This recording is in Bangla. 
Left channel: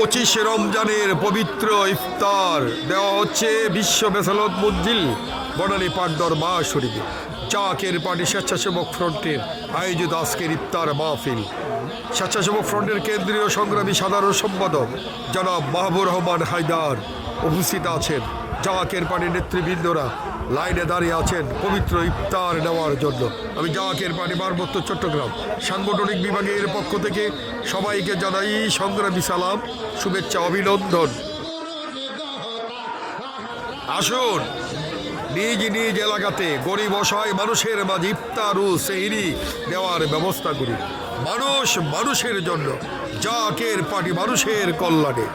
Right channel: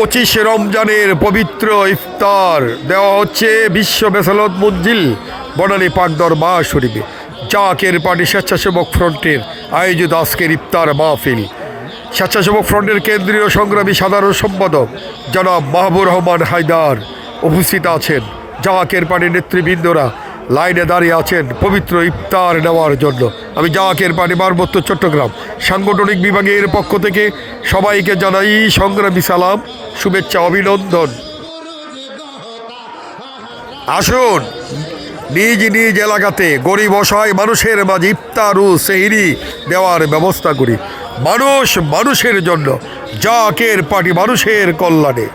25 রমজানের পবিত্র ইফতার দেওয়া হচ্ছে বিশ্ব বেসালত মঞ্জিল বনানী পাক দরবার শরীফে। জাকের পার্টি স্বেচ্ছাসেবক ফ্রন্টের আয়োজিত আজকের ইফতার মাহফিল। স্বেচ্ছাসেবক ফ্রন্টের কেন্দ্রীয় সংগ্রামী সাধারণ সম্পাদক জনাব মাহবুর রহমান হায়দার উপস্থিত আছেন। জাকের পার্টির নেতৃবৃন্দরা লাইনে দাঁড়িয়ে আছেন পবিত্র ইফতার নেওয়ার জন্য। আমি জাকের পার্টি পার্বত্য চট্টগ্রাম সাংগঠনিক বিভাগের পক্ষ থেকে সবাইকে জানাই সংগ্রামী সালাম, শুভেচ্ছা, অভিনন্দন। আসুন নিজ নিজ এলাকাতে গরিব অসহায় মানুষের মাঝে ইফতার ও সেহরি দেওয়ার ব্যবস্থা করি। মানুষ মানুষের জন্য, জাকের পার্টি মানুষের কল্যাণে।